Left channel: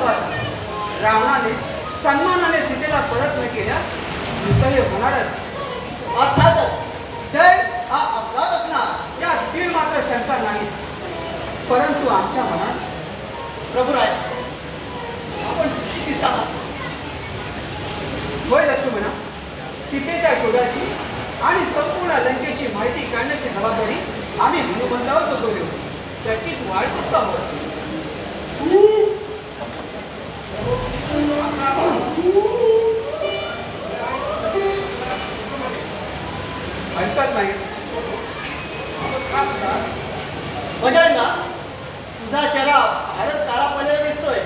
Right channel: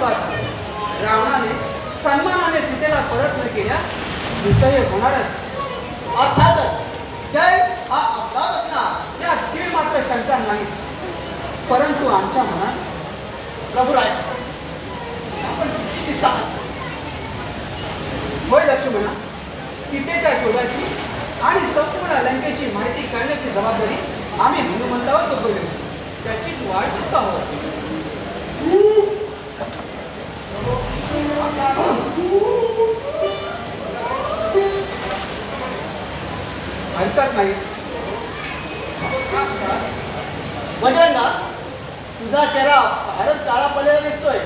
परंतु रावणाने सन्मानाने सीतेला परत न केल्यास विजय होणारच. अर्थातच जय हा अपघात असणार या दीड मात्र शंका नाहीच. परंतु आमच्या मनात प्रभुराय आपण चुकीचीच आहात. होय लक्ष्मणा, सीतेच्या शोधाची आणि संपूर्ण लंकेची माहिती करण्याची जबाबदारी आम्ही हनुमंतावर सोपवली होती. त्याचीच वाट बघतो आहोत. हरकत नाही. म्हणजे तुझा चेहरा बाहेरच काळा पडलेला दिसतोय.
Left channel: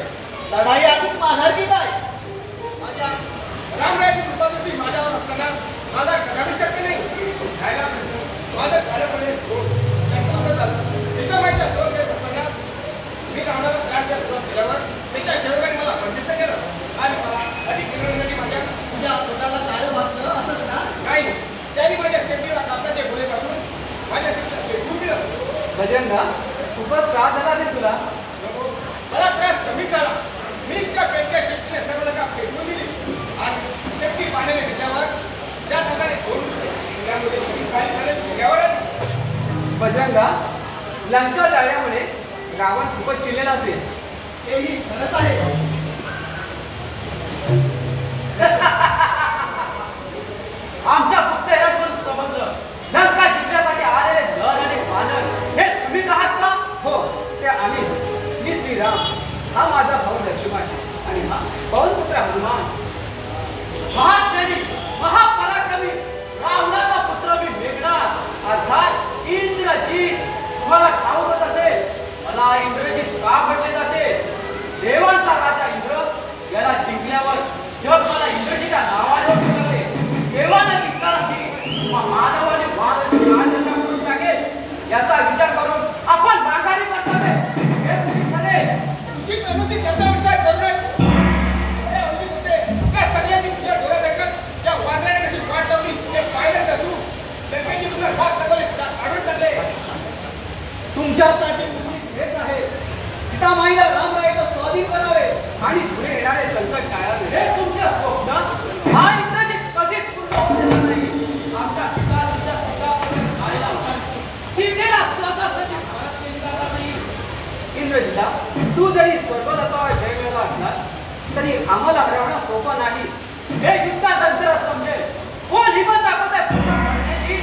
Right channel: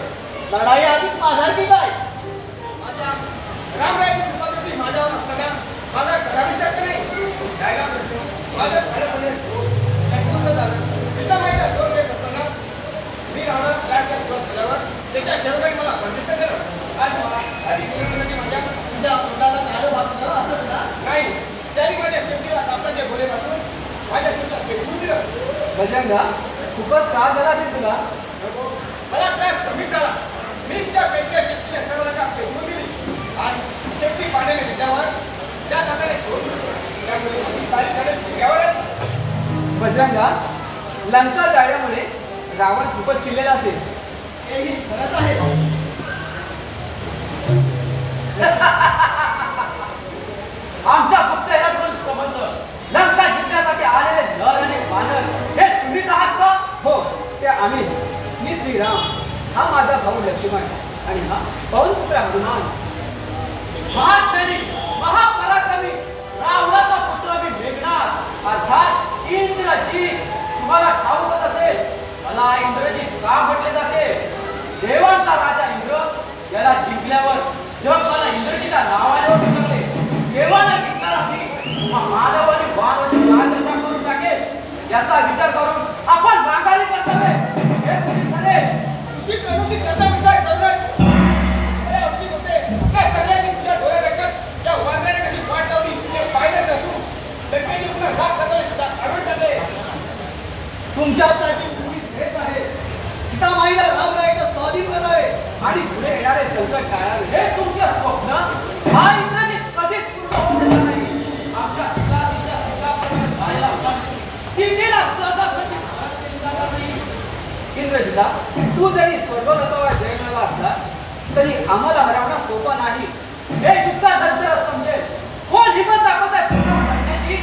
लढाई आधीच मारणार की काय? माझ्या रामरायाची कृपा तुम्ही माझ्यावर असताना माझा कदापि शक्य नाही. जायला माझं खरंपणे झालं एका माहिती असतो ते असताना मी रावणा राज्यात केल्यावर त्याच्या शेवकाने मला प्रतिष्ठा केलं आणि मला अधिक मिळवण्याची माझ्या तुझ्या पोटाला काळं भासलं असं ना? नाही. त्यांनी माझ्या शेतीला कापसाचे बोले पाठवून माझ्या शेतीला फेकून दिलं. गजंगा, खूपच त्रास झाला असेल तुला. मला त्रास कमी झाला. मी त्या पेटच्या शेतीने सर्व नका फेकून दिली आणि शेती पाण्याने त्याच्यावर त्या हाताने घेऊन त्यामुळे काही झाले घ्यावर. गजंगा, लंका जाळ्यामुळे रावण खूपच चिडलेला असेल. हेही खरंच आहे. आमच्या पुतळ्याकडून समजलं लंका जिंकण्यासाठी आलेले नर आणि वानर हे तुम्हीच आहात का? हो, ते आम्हीच. मी श्रीराम, हा माझा भाऊ लक्ष्मण आणि हा पौरपुत्र हनुमान. महाज्ञानी महापराक्रमी रावणाचा पुत्र मी मेघनाद अर्थात इंद्रजित. तुम्हाला ठाऊक असेल मला इंद्रजित का म्हटले जाते? देवांचा राजा इंद्र याला जिंकल्यावर जग मला इंद्रजिता नावाने जिंकले. देवाने विचारली मानवाने वाघाने करून टाकेल याचा विचार करून आपण माघारी कर्तव्य हे तुम्ही ठरे. तुझी करुणी त्याचा विचार करू नये. हे अगदीच होते काय सगळ्यांनी तुझ्या डोळ्यात देखत त्या वानराने कशी वाट लावली ते पाहिलं का तू? लंकेची पुन्हा राग सगळे आढळून टाकले. तुमच्यासाठी उचित हेच आहे. सीतामाईला रामरायाचा स्वाधीन करावे आणि पुढे येणारे संकट टाळावे. हे तुमचे स्वप्न हा इंद्रजित कधीच पूर्ण होणार नाही. आमच्या सीतापर्यंत जायला होता सीतेला सहजासहजी परत केली जाणार नाही. इंद्रजिता, तू जरी स्वर्गलोकावर जय मिळवला असलास तरी आम्हाला हरवणं सोपं नाही. हे युद्धानंतर समजेल कोण हिंमत दाखवत आहे पूर्ण करण्याची.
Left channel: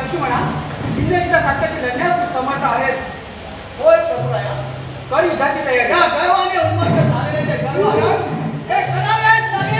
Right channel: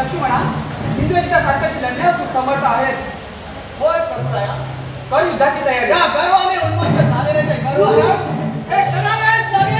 लक्ष्मणा, इंद्रजिता सारख्याशी लढण्यास तू समर्थ आहेस. होय प्रभुराया. कर युद्धाची तयारी. या गर्वाने उन्मत्त झालेले ते गर्वाहरण हे करावेच लागेल.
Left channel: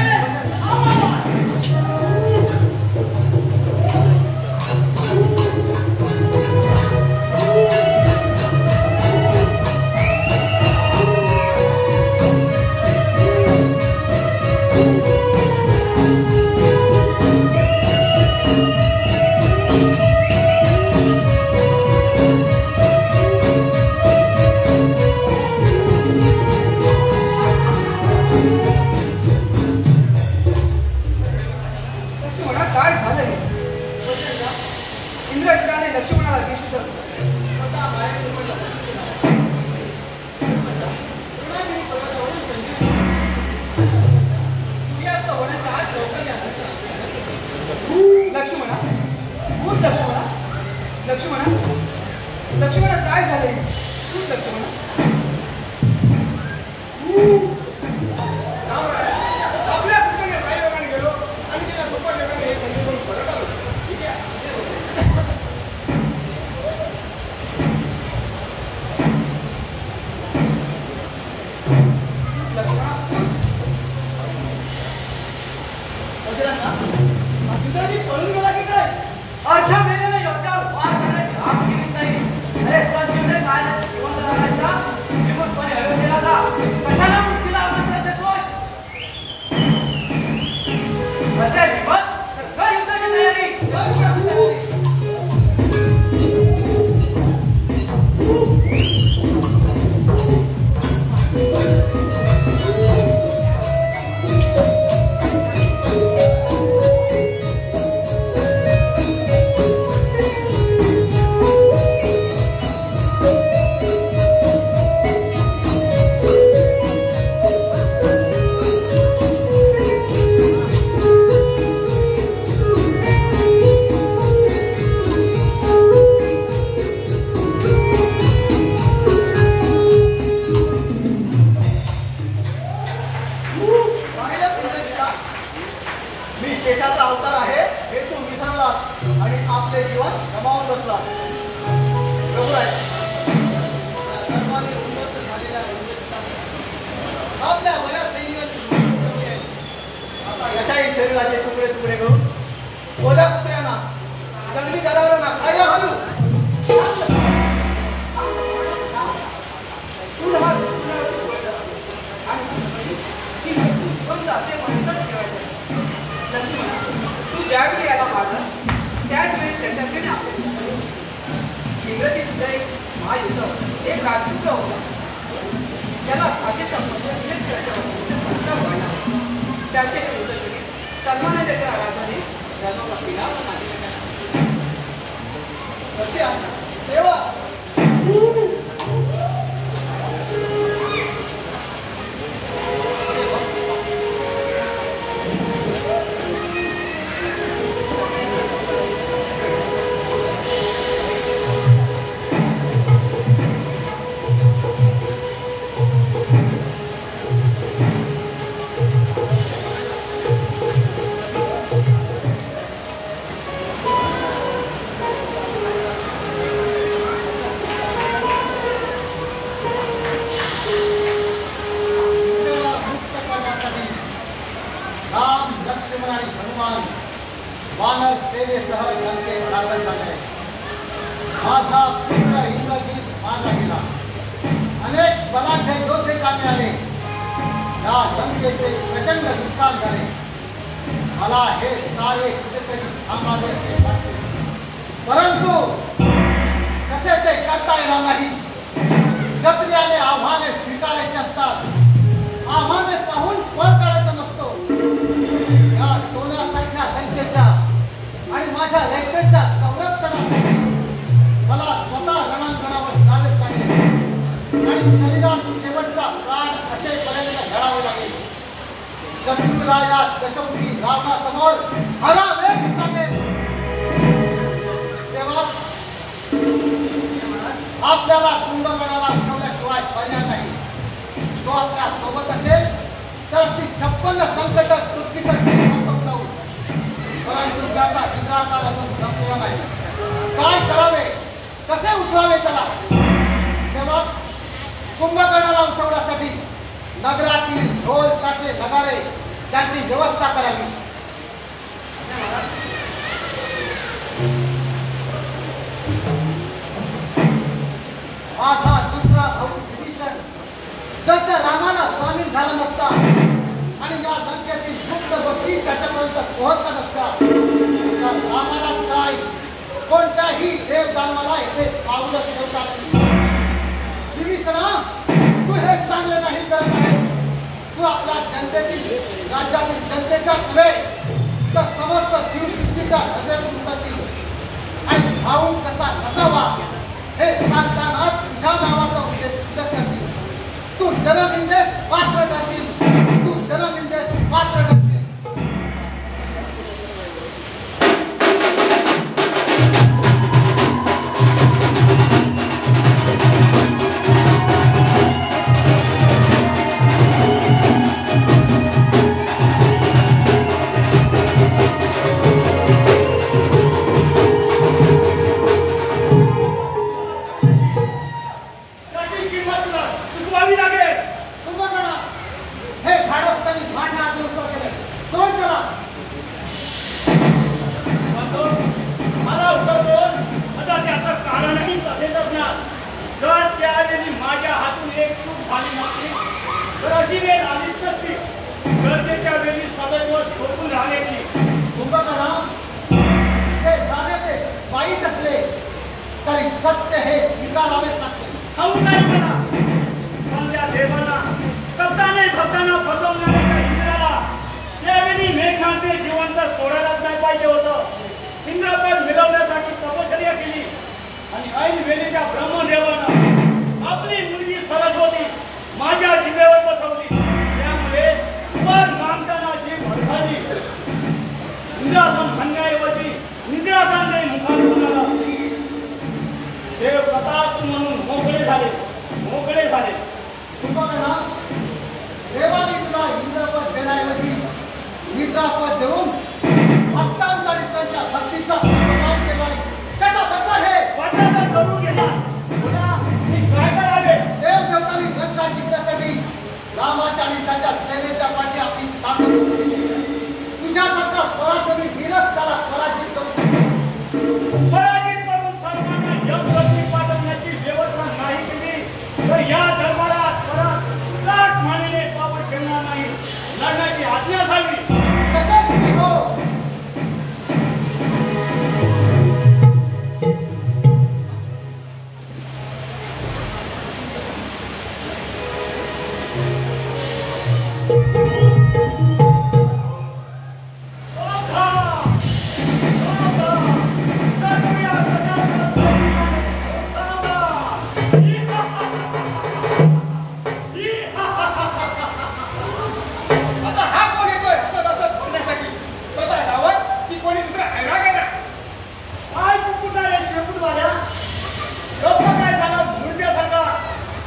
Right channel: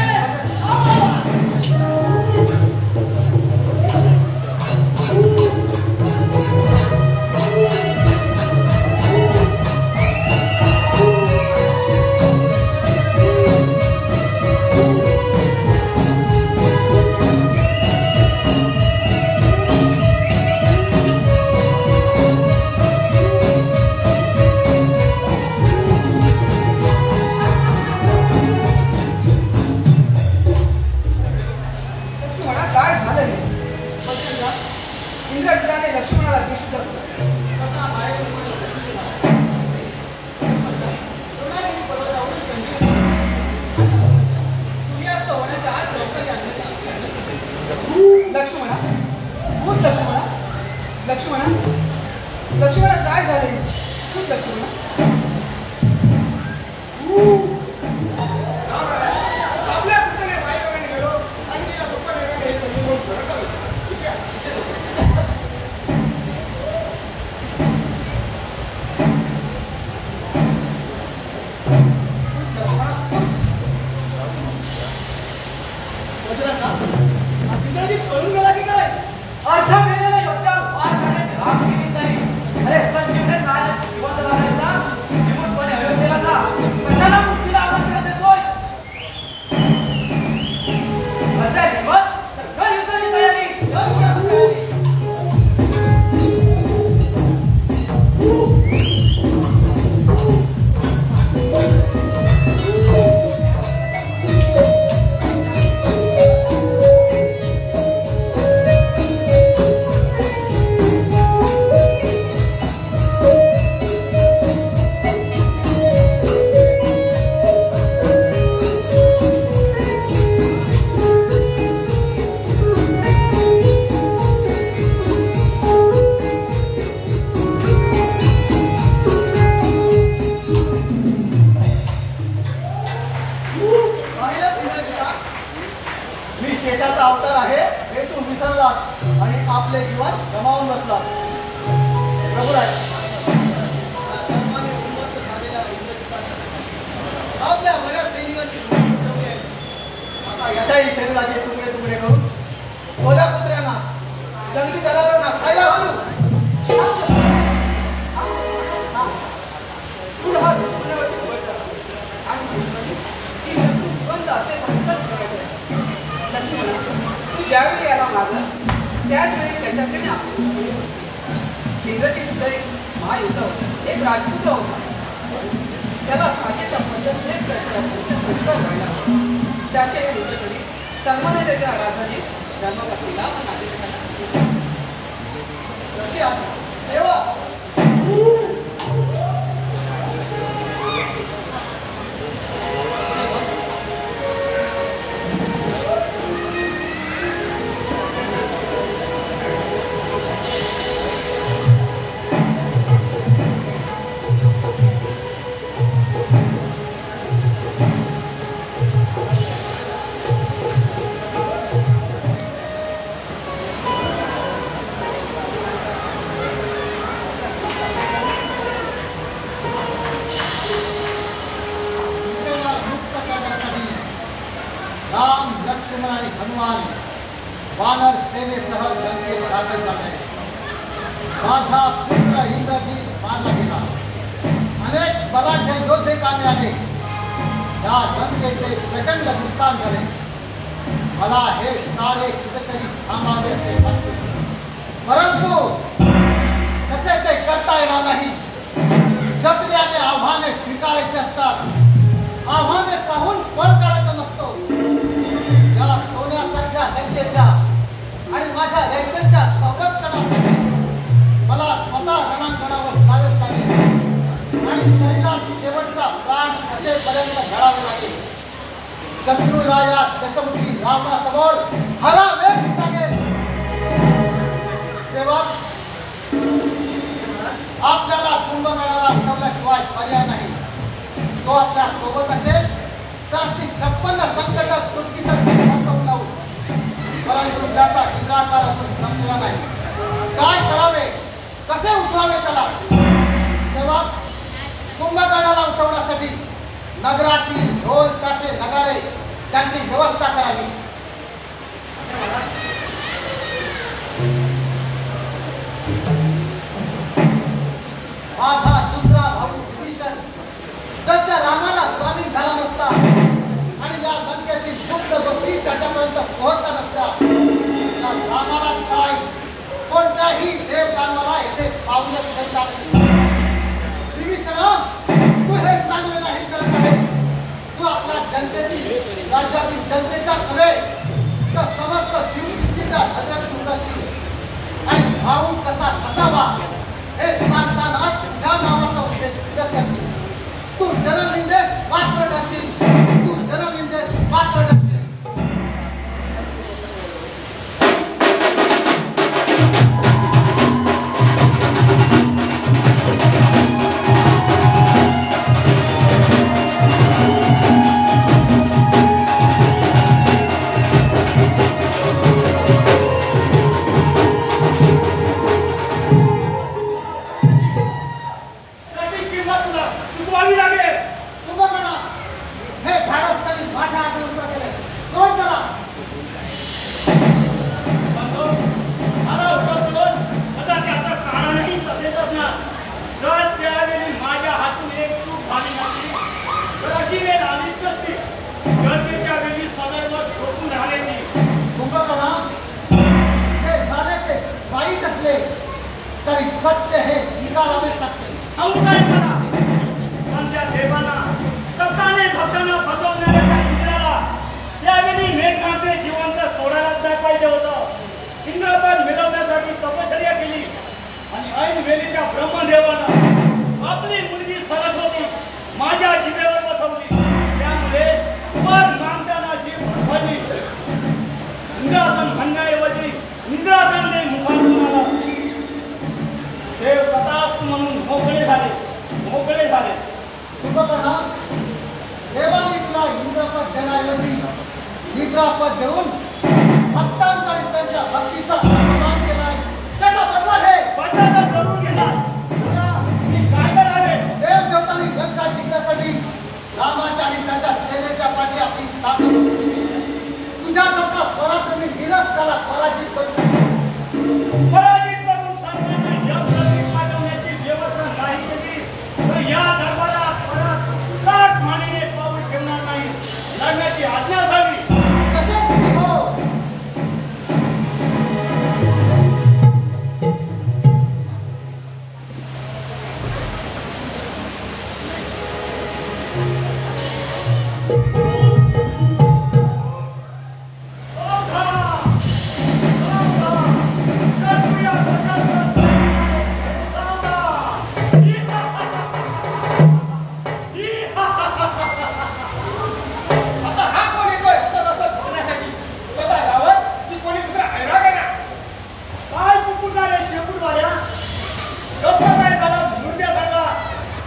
लोक काय झालं मुर्द्यासारखा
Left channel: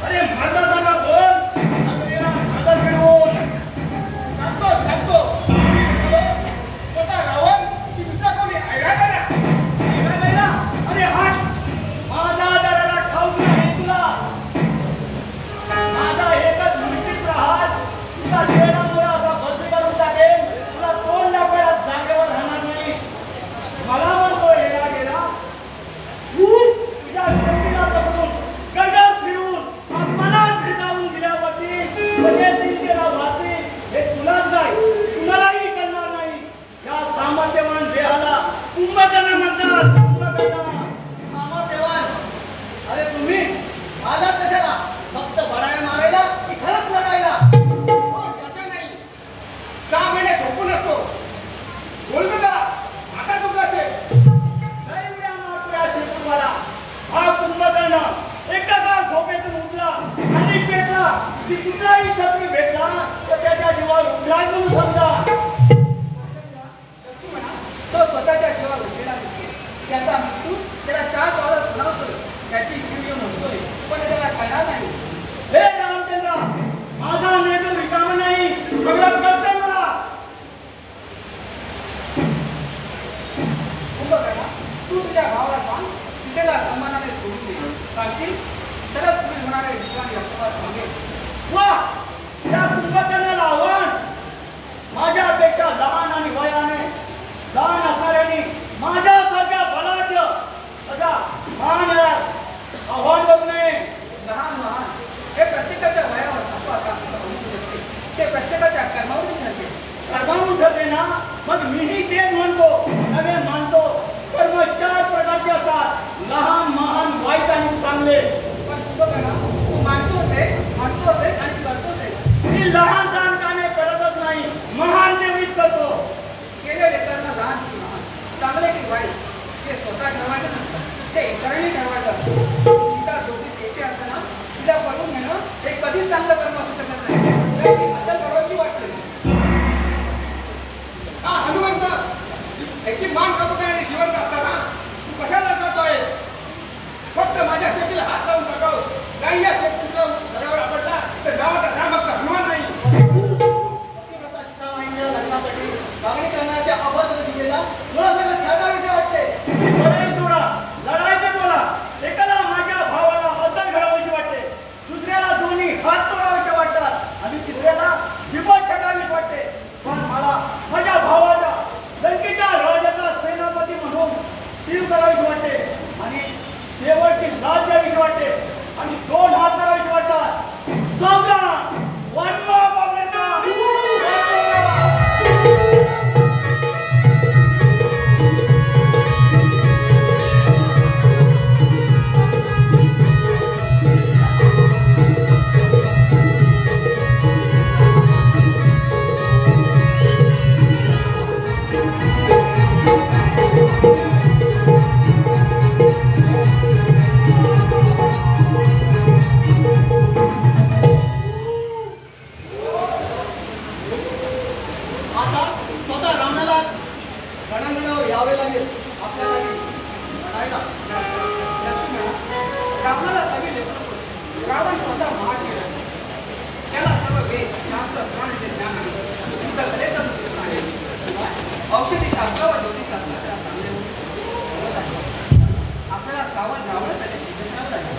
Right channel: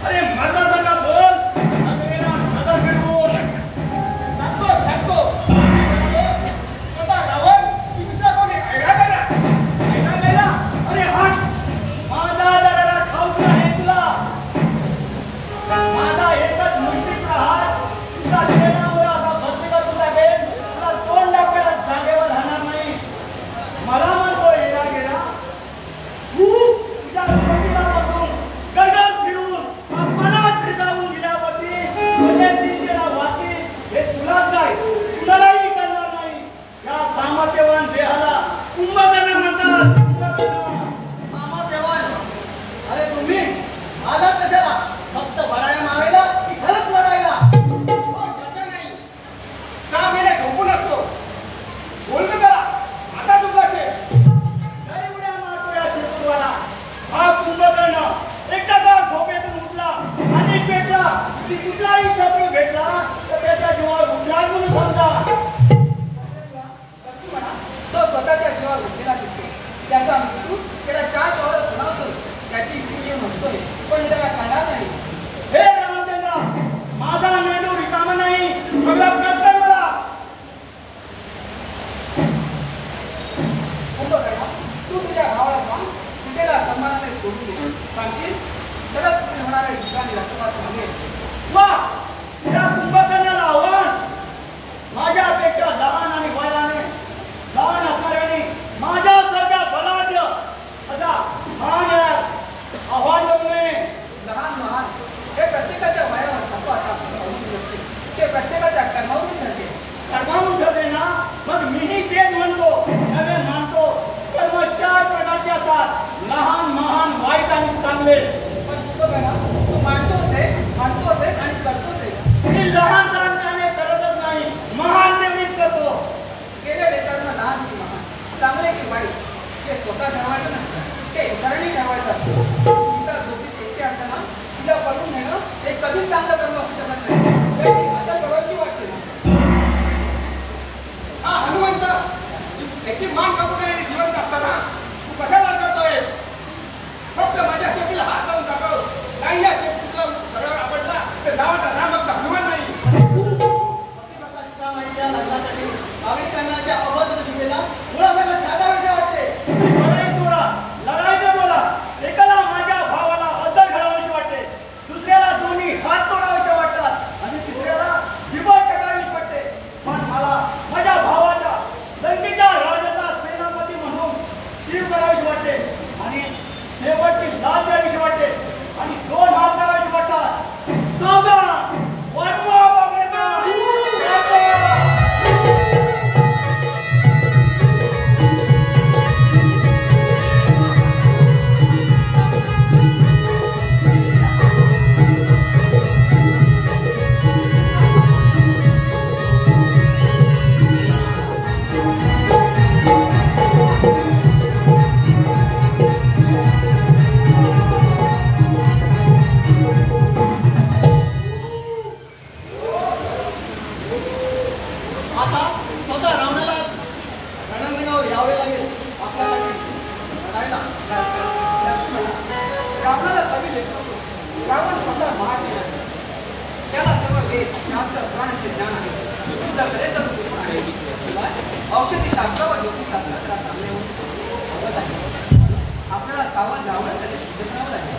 अरे मारल्यासारखा बोल कितीचाही शत्रू भेटला तर त्याच्या जीवावर उठलाच म्हणून समजा. लक्ष्मणा, तो स्वतःच्या जीवावर उठलेला दिसतो. त्याचा मृत्यू त्याला 4 वाजता सुनावतो. त्याची वीर्य नसतोय, पण त्याला कळणार नाही. हे रामचंद्र, माझा मेंदू रिकामा नाही, सगळं कळतंय मला. कुंभकर्णा, तू तुझ्या भावाला सांग, सीतेला सन्मानाने सोडून दे. सांगशील त्याला तुम्ही होणारा युद्धाने रक्तपात थांबेल. वा, या कुंभकर्णाला आव्हान. माझ्यापेक्षा लहान आणि वयाने लहान असणाऱ्याने माझ्यासारख्या बलाढ्य असा महान आव्हान देऊ नये. लहान महान हे प्रत्येकाच्या वयावर तत्वाचा अवलंबून असते. ते प्रत्येकाच्या कर्मावरून ठरते. कर्मावरून ठरते ना, मग मीही तेच म्हणतो, नवे मानतो. कर्म 4 प्रकारचे असतात, लहान, महान, वाईट आणि चांगले. पण कुंभकर्णा, तू मानतोस आहे आणि करतोस आहे. मी लहान सहान कामे करतच नाही, महान तेवढीच करतो. केलेले कर्म लहान की महान, चांगले की वाईट, ते स्वतः ठरवायचं नसतं, ते इतरांनी ठरवायचं असतं. तुला झोपीत एकटे असताना तुला बघून घेणं हे कधीच चांगलं कर्म असू शकत नाही. त्याची मजा करायची वाटते. हा हनुमंत, याची मान कापून आणि जिवंत असताना तू कशाला करतोय? फक्त माझ्या शेतीला हात लावून टाकाव. नाही या शेतीला सगळ्यावर आपडला तर गावाचा नाम फक्त अभिमान नाही. पतिव्रता सीतामाईच्या लग्नासाठी मागणी करण्याच्या अबाध दिलेला मला सगळं छाटाविषय वाटते. लढाई सोडा, लढायचे बोला. एकाला माझ्या भावाला अद्दल घडावीशी वाटते, दुसऱ्याला दोन्ही हात तोडावेसे वाटतात आणि तिसऱ्याला जिभा छटावीशी वाटते. पण मला माझ्या भावाला लंकेच्या राजाचा सेनापती म्हणून तीर करावीशी वाटते आणि शेवटची लाच द्यावीशी वाटते आणि 2 हात करावीशी वाटतात. सावधान, वाजवा बाबरेचा, वाजवा. आता स्वतः रावणाला रणांगणावर यावे लागेल आपल्यासाठी लढायला. लक्ष्मणा, रावणाला कमी लेखतो. रावण स्वतः महादेव आहे. त्याला सर्व वेद, शास्त्र, पुराणाचे ज्ञान आहे. युद्ध कलेचा तो विद्वान आहे. शिवाय औषधी शास्त्र व ज्योतिषशास्त्र त्याला चांगले होते. आपल्याला सावध राहणं त्याच्याशी युद्ध करावं लागेल.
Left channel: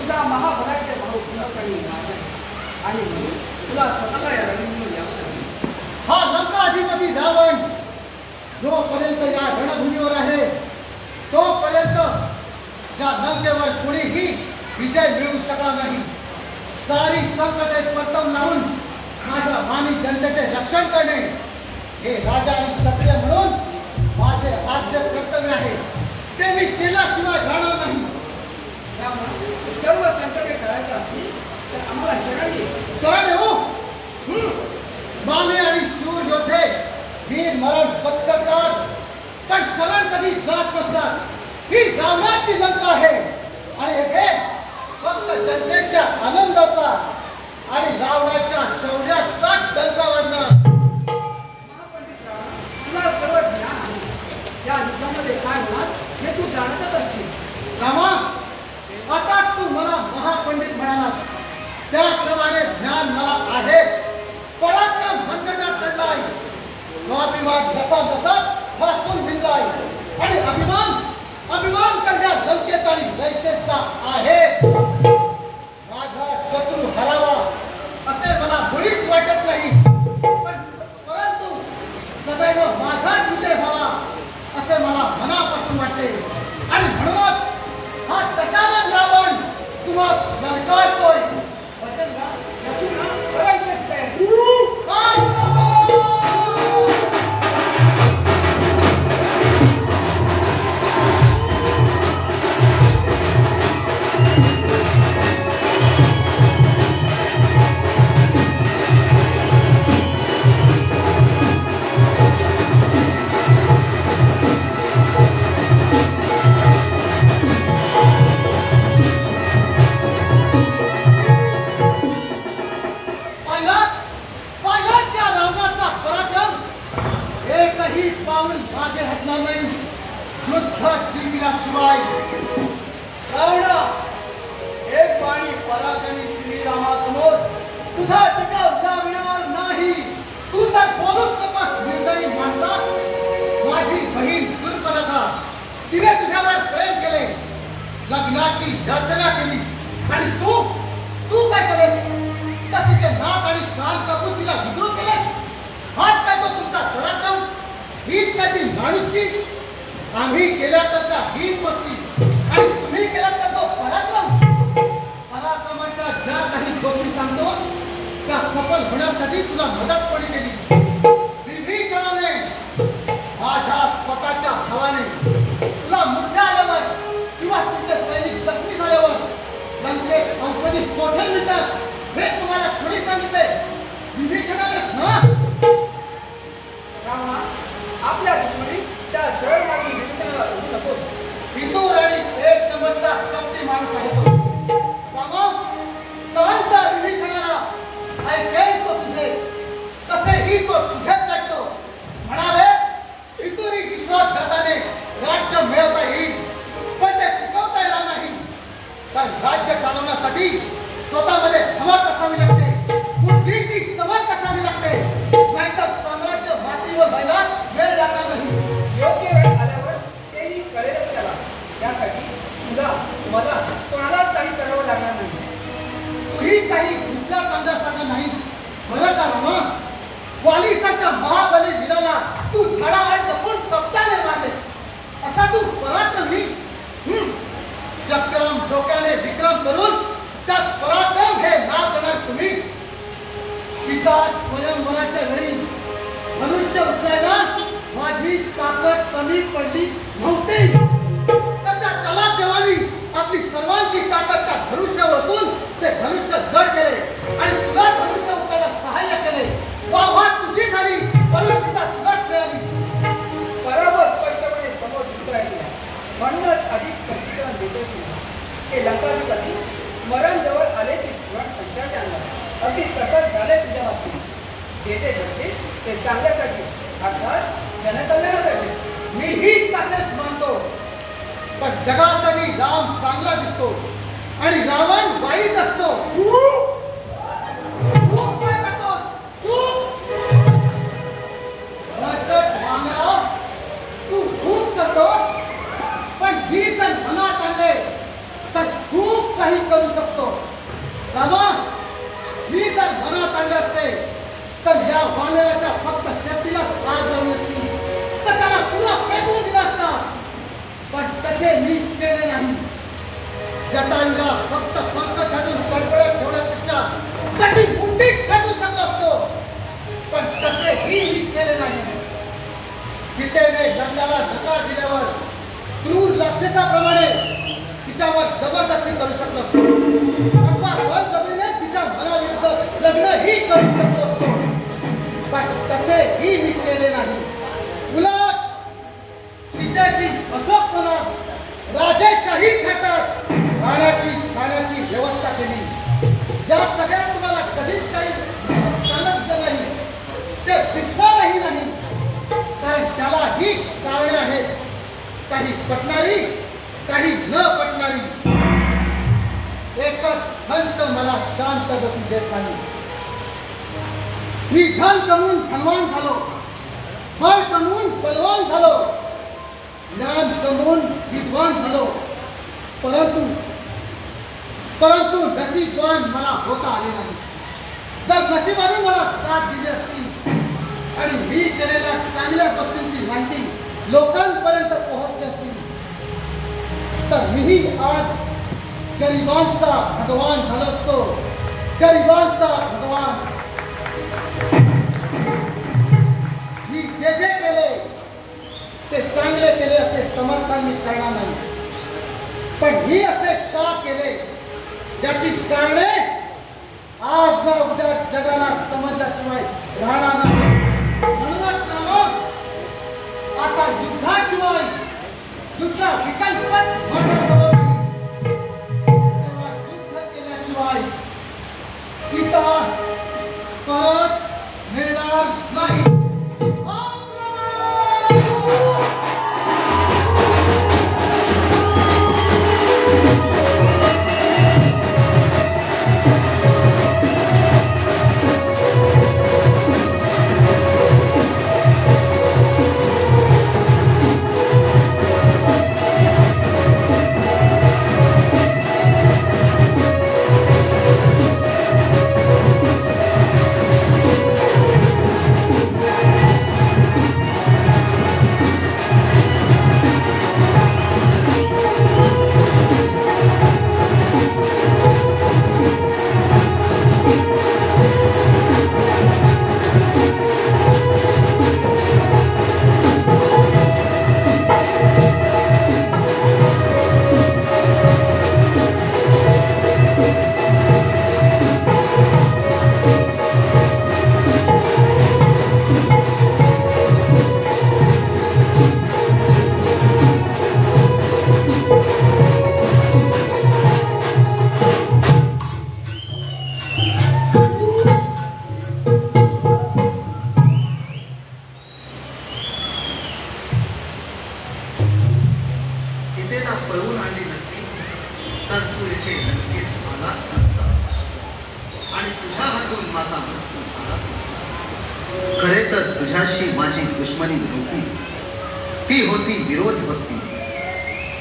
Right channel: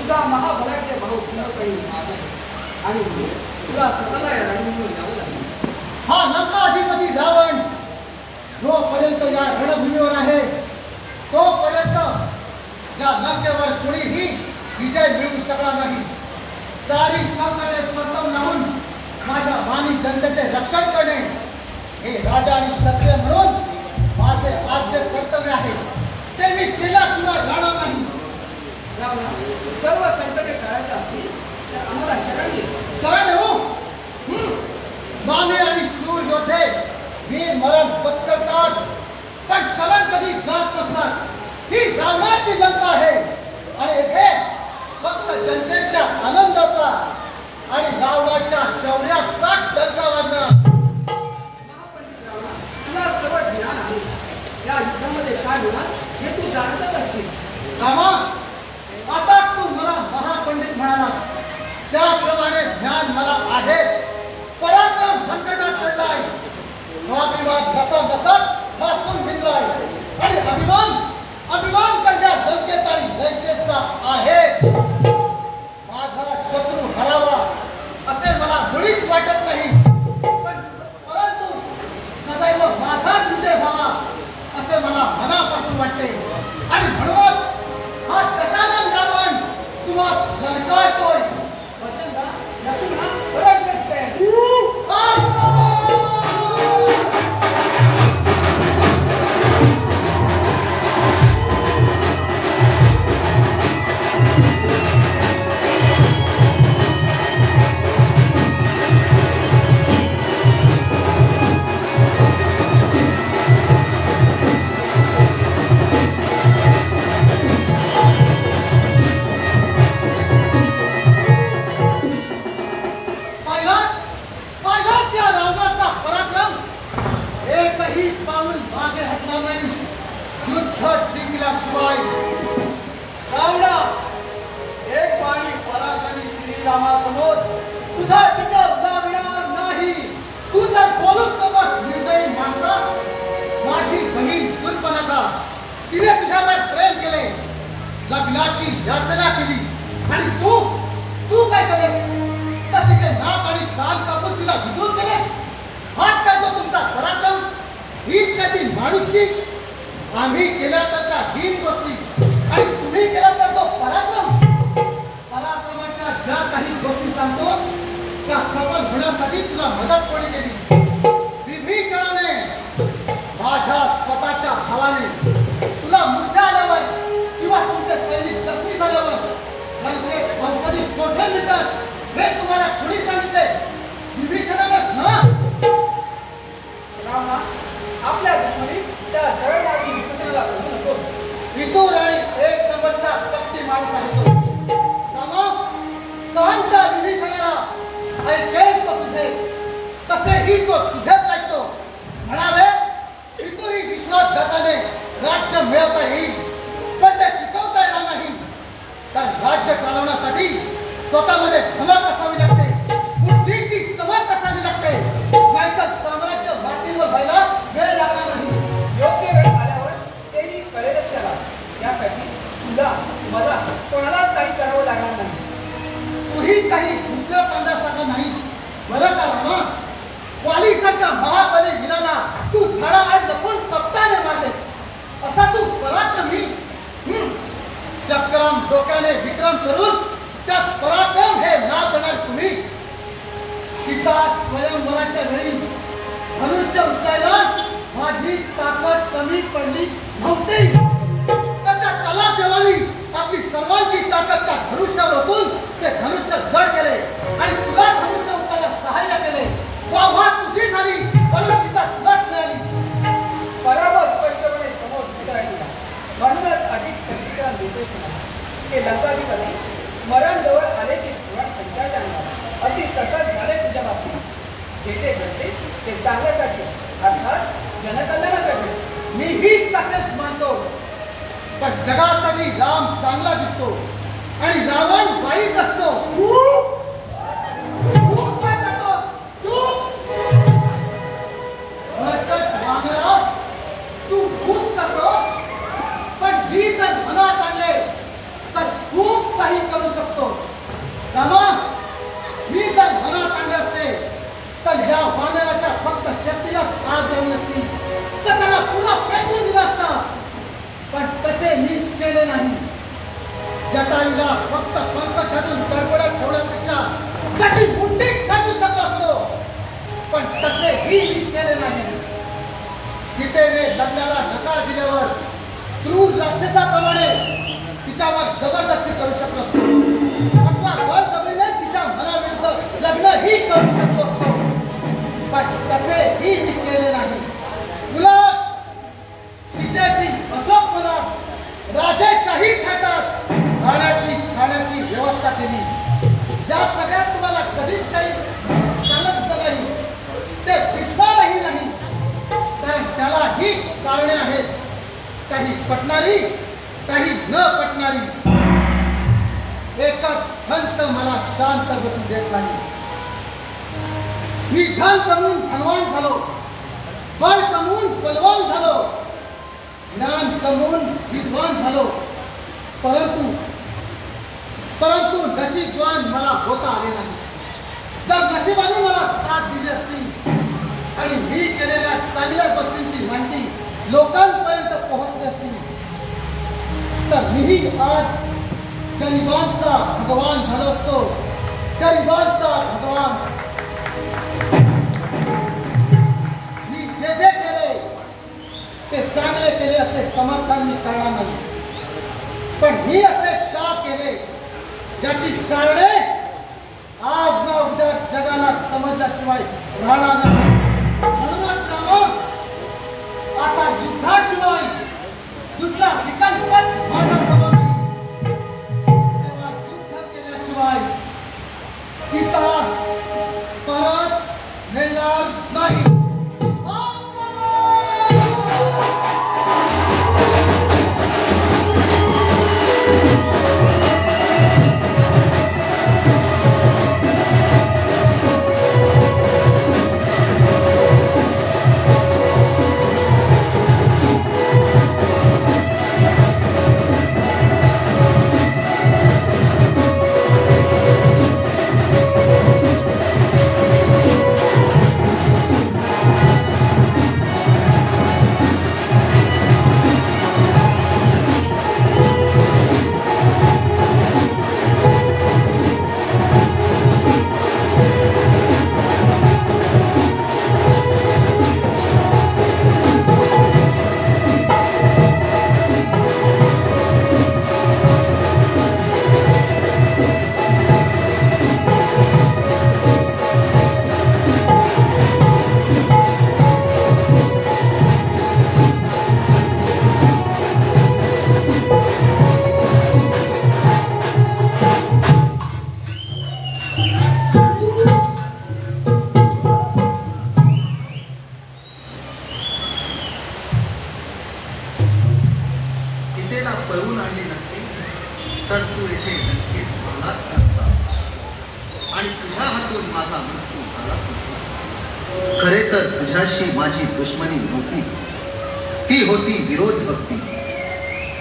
तुझा महाबलाढ्य भाऊ कुंभकर्णी माझा आणि तुला स्वतःला या रणभूमीवर यावं लागेल. हा लंकाधिपती रावण जोपर्यंत या रणभूमीवर आहे तोपर्यंत या लंकेवर कोणीही विजय मिळवू शकणार नाही. सारी संकटे परतवून लावून माझ्या मानी जनतेचे रक्षण करणे करायच्या असतील तर आम्हाला शरण ये. चला हो. माने आणि शूर योद्धे वीर मरण पत्करतात, पण शरण कधी जात नसतात. ही रावणाची लंका आहे आणि येथे फक्त जनतेच्या आनंदाचा आणि रावणाच्या शौर्याचा डंका वाजणार. महापंडित रावणा, तुला सर्व ज्ञान आहे. या युद्धामध्ये काय होणार हे तू जाणतच असशील. रामा, आता तू मला महापंडित म्हणालास, त्याप्रमाणे ज्ञान मला आहे. पराक्रम संकटात चढलाय, स्वाभिमान जसा जसा ठासून भिनलाय आणि अभिमान करण्या लंकेचा आणि लंकेचा आहे. माझा शत्रू हरावा असे मला मुळीच वाटत नाही, परंतु सदैव माझाच विजय व्हावा असे मला मनापासून वाटते. आणि म्हणूनच हा दशानन रावण तुम्हाला ललकारतोय. लक्ष्मणा, बरं दिसतंय. पाहिलात त्या रावणाचा पराक्रम. एकही पाऊल मागे हटणार नाही युद्ध जिंकल्याशिवाय. रावणा, एक वाणी पराक्रमी श्रीरामासमोर तुझा टिकाव लावणार नाही. तू तर बोलूच नकोस निर्दयी माणसा. माझी बहीण शूर्पणखा, तिने तुझ्यावर प्रेम केले, लग्नाची याचना केली आणि तू काय केलेस? तर तिचे नाक आणि कान कापून तिला विधूर केलेस. हाच काय तो तुमचा पराक्रम? हीच काय ती माणुसकी? आम्ही केल्या तर त्या हीन गोष्टी आणि तुम्ही केला तर तो पराक्रम. पराक्रमाच्या ज्या काही गोष्टी सांगतो त्या सफल होण्यासाठी तुला मदत कोणी केली? विभीषणाने, माझ्या स्वतःच्या भावाने. तुला मूर्छा आल्यावर किंवा तुमचे सैनिक जखमी झाल्यावर लंकेत औषधी कोठे मिळतात हे तुम्हाला कोणी सांगितले? विभीषणानेच ना. रावणा, आपल्या दृष्टीने त्या सरळ मार्गी विभीषणाला ओढू नकोस. विदूर आणि एक नंबरचा कपटी माणूस आहे तो. रामा, शांत विभीषणाला ऐकेल तो तुझे, तसेही तो तुझेच ऐकतो. म्हणावे, विदुरी विश्वासघाताने राज्य मिळवता येईल, पण ते टिकवता येणार नाही. तर राज्य चालवण्यासाठी स्वतःमध्ये धमक असावी लागते, बुद्धीची चमक असावी लागते, नाहीतर साम्राज्य मातीवर व्हायला वेळ लागणार नाही. योग्य वेळ आल्यावर तेही कळेलच त्याला. यासाठी तुला मला कोणालाच काही करावं लागणार नाही. तूही काही कुठला कांदा नाही. बरं का रामा, वालीसारख्या महाबली वीराला तू झाडावर लपून कप्ताने मारलेस. असा तू पराक्रमी. चक्रम डोक्याने विक्रम करून त्यात पराक्रम हे नाव देणार तुम्ही. सीता स्वयंवराच्या वेळी धनुष्य उचलायला माझी ताकद कमी पडली नव्हती. तर त्या चलाक देवानी आपली सर्वांची ताकद त्या धनुष्यावर ओतून ते धनुष्य जड केले आणि तुला धनुष्य उचलायला सहाय्य केले. वाह तुझी झाली, परंतु सीता तुलाच मिळाली. पराभव स्पष्टपणे समोर दिसत राहिला. म्हणूनच अधिक स्पष्टीकरण देतोच की लंकाधिपती मरण जवळ आले की स्फुरण संचार जाणार. अगदी तसंच झालंय तुझ्या बाबतीत. जे जे घडते ते चांगल्यासाठी, अर्थात जनकल्याणासाठी. मीही तसेच मानतो, पण जगासाठी राम चांगला दिसतो आणि रावण वाईट असतो. काय करतोस? भरकट वानरा, तू खूप करतोस, पण मी जर मनात आणले तर खूप काही करू शकतो. रामा, मी जर मनात आणले असते तर या वानराच्या फक्त शक्तीला आग लावली असती, तर त्याला पुरा पेटवून दिला असता. पण तसे मी केले नाही. जटायूला फक्त पंख छाटून कडकडत ठेवण्यापेक्षा त्याची मुंडीच छाटू शकलो असतो, पण तसेही मी केले नाही. सीतेने लग्नाला नकार दिल्यावर क्रूर राक्षसाप्रमाणे तिच्यावर जबरदस्ती करू शकलो असतो. मी धन कमवून धनवान झालो, बळ कमवून बलवान झालो, ज्ञान कमवून विद्वान झालो, परंतु नशीबवान मला होता आले नाही. जर नशिबाने मला साथ दिली असती आणि मी केलेल्या चांगल्या गोष्टींची माहिती लोकांपर्यंत पोहोचली असती तर मीही आज गरिबांचा भगवान झालो असतो. गरिबांचा भगवान. मी जे जे केले ते चांगले केले असे समर्थन मी करणार नाही, पण मी असे का केले ज्याची कारणे आज ना उद्या जगाला समजल्याशिवाय राहणार नाही. म्हणूनच आता युद्धाशिवाय दुसरा विकल्प माझ्यासमोर नाही. तेव्हा युद्ध केल्याशिवाय सीता परत मिळणार नाही. खरे तर तुझ्याशी माझी दुश्मनी नव्हती, ती होती विरोध भक्ती.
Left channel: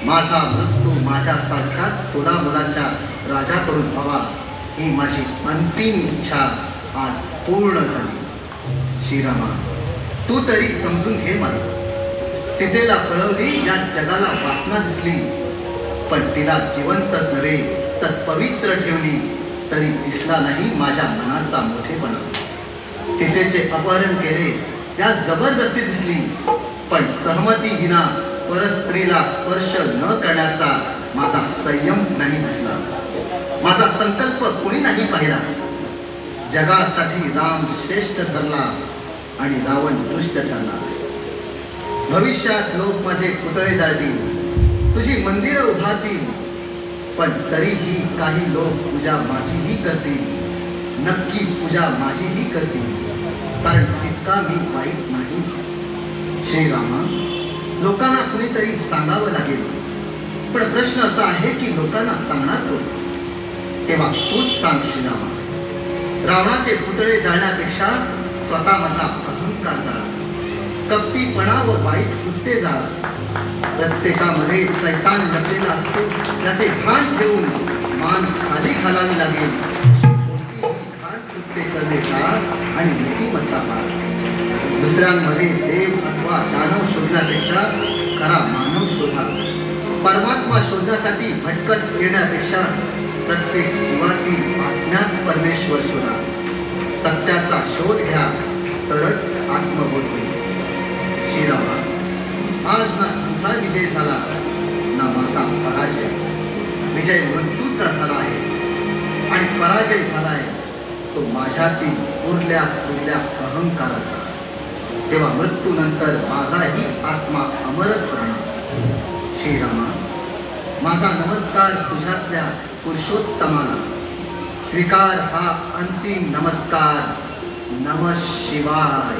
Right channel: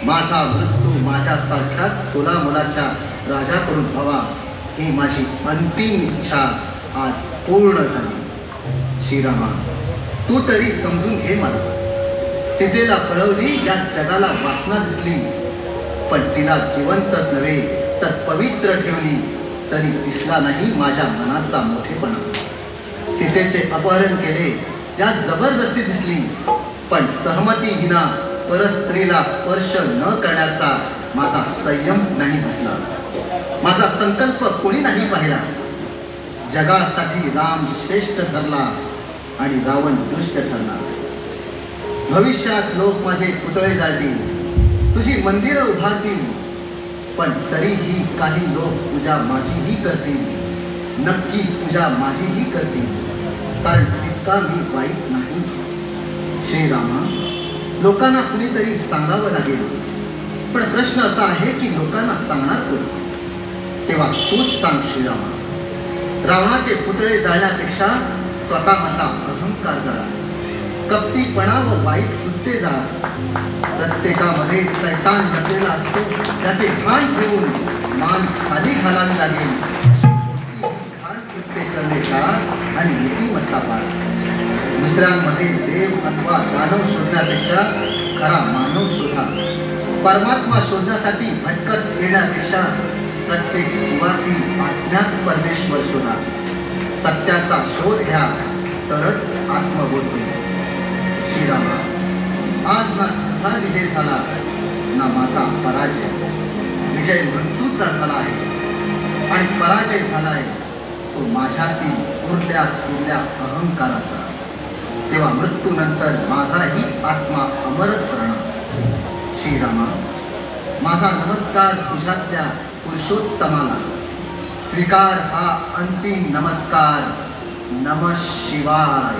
माझा मृत्यू माझ्यासारखाच तुला मनाच्या राजाकडून हवा ही माझी अंतिम इच्छा आज पूर्ण झाली. श्रीरामा, तू तरी समजून घे मला. सीतेला पळवली, या जगाला वासना दिसली, पण तिला जिवंतच नव्हे तर पवित्र ठेवली तरी दिसला नाही माझ्या मनाचा मोठेपणा. सीतेचे अपहरण केले, त्यात जबरदस्ती दिसली, पण सहमती विना परस्त्रीला स्पर्श न करण्याचा माझा संयम नाही दिसला. माझा संकल्प कोणी नाही पाहिला. जगासाठी राम श्रेष्ठ ठरला आणि रावण दुष्ट ठरला. भविष्यात लोक माझे पुतळे जाळतील, तुझी मंदिरं उभारतील, पण तरीही काही लोक पूजा माझीही करतील. नक्की पूजा माझीही करतील, कारण तितका मी वाईट नाही. श्रीरामा, लोकांना कुणीतरी सांगावं लागेल, पण प्रश्न असा आहे की लोकांना सांगणार कोण? तेव्हा तूच सांग श्रीरामा. रावणाचे पुतळे जाळण्यापेक्षा स्वतःमधला अहंकार जाळा, कपटीपणा व वाईट कृत्ये जाळा. प्रत्येकामध्ये सैतान लपलेला असतो, त्याचे घाण ठेवून मान खाली घालावी लागेल. घाण कृत्ये करणे आणि नीतिमत्ता. दुसऱ्यांमध्ये देव अथवा दानव शोधण्यापेक्षा खरा मानव शोधा. परमात्मा शोधण्यासाठी भटकत फिरण्यापेक्षा प्रत्येक जीवातील अज्ञात परमेश्वर शोधा. सत्याचा शोध घ्या, तरच आत्मबोध होईल. श्रीरामा, आज ना तुझा विजय झाला ना माझा पराजय. विजय मृत्यूचा झाला आहे आणि पराजय झालाय तो माझ्यातील उरल्या सुरल्या अहंकाराचा. तेव्हा मृत्यूनंतर माझाही आत्मा अमरच राहणार. श्रीरामा, माझा नमस्कार तुझ्यातल्या पुरुषोत्तमाला. स्वीकार हा अंतिम नमस्कार. नमः शिवाय.